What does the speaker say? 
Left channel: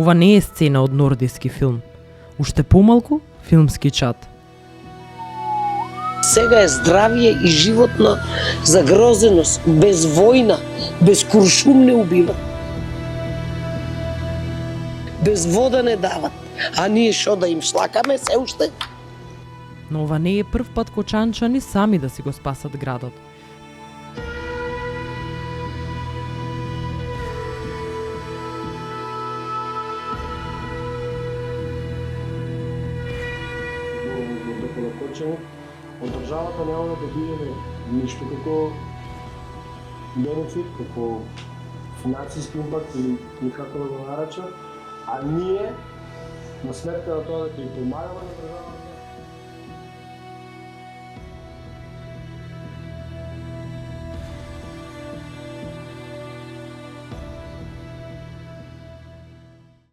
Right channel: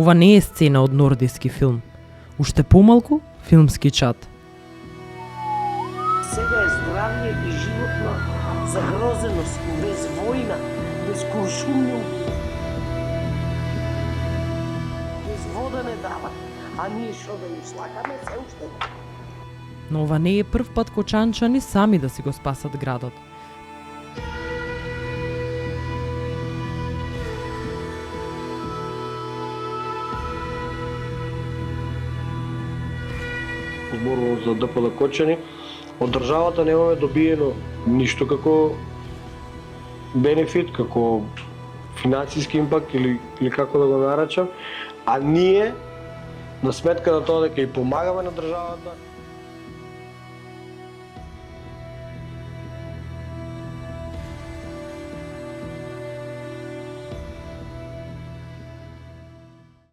Ова не е сцена од нордиски филм. Уште помалку филмски чат. Сега е здравие и животна загрозеност, без војна, без куршум не убива. Без вода не дават, а ние шо да им шлакаме се уште? Но ова не е прв пат кочанчани сами да си го спасат градот. Зборувам за ДПЛ Кочани, од државата немаме добиено ништо како бенефит, како финансиски импакт или како да го наречам, а ние на сметка на тоа дека и помагаме на државата,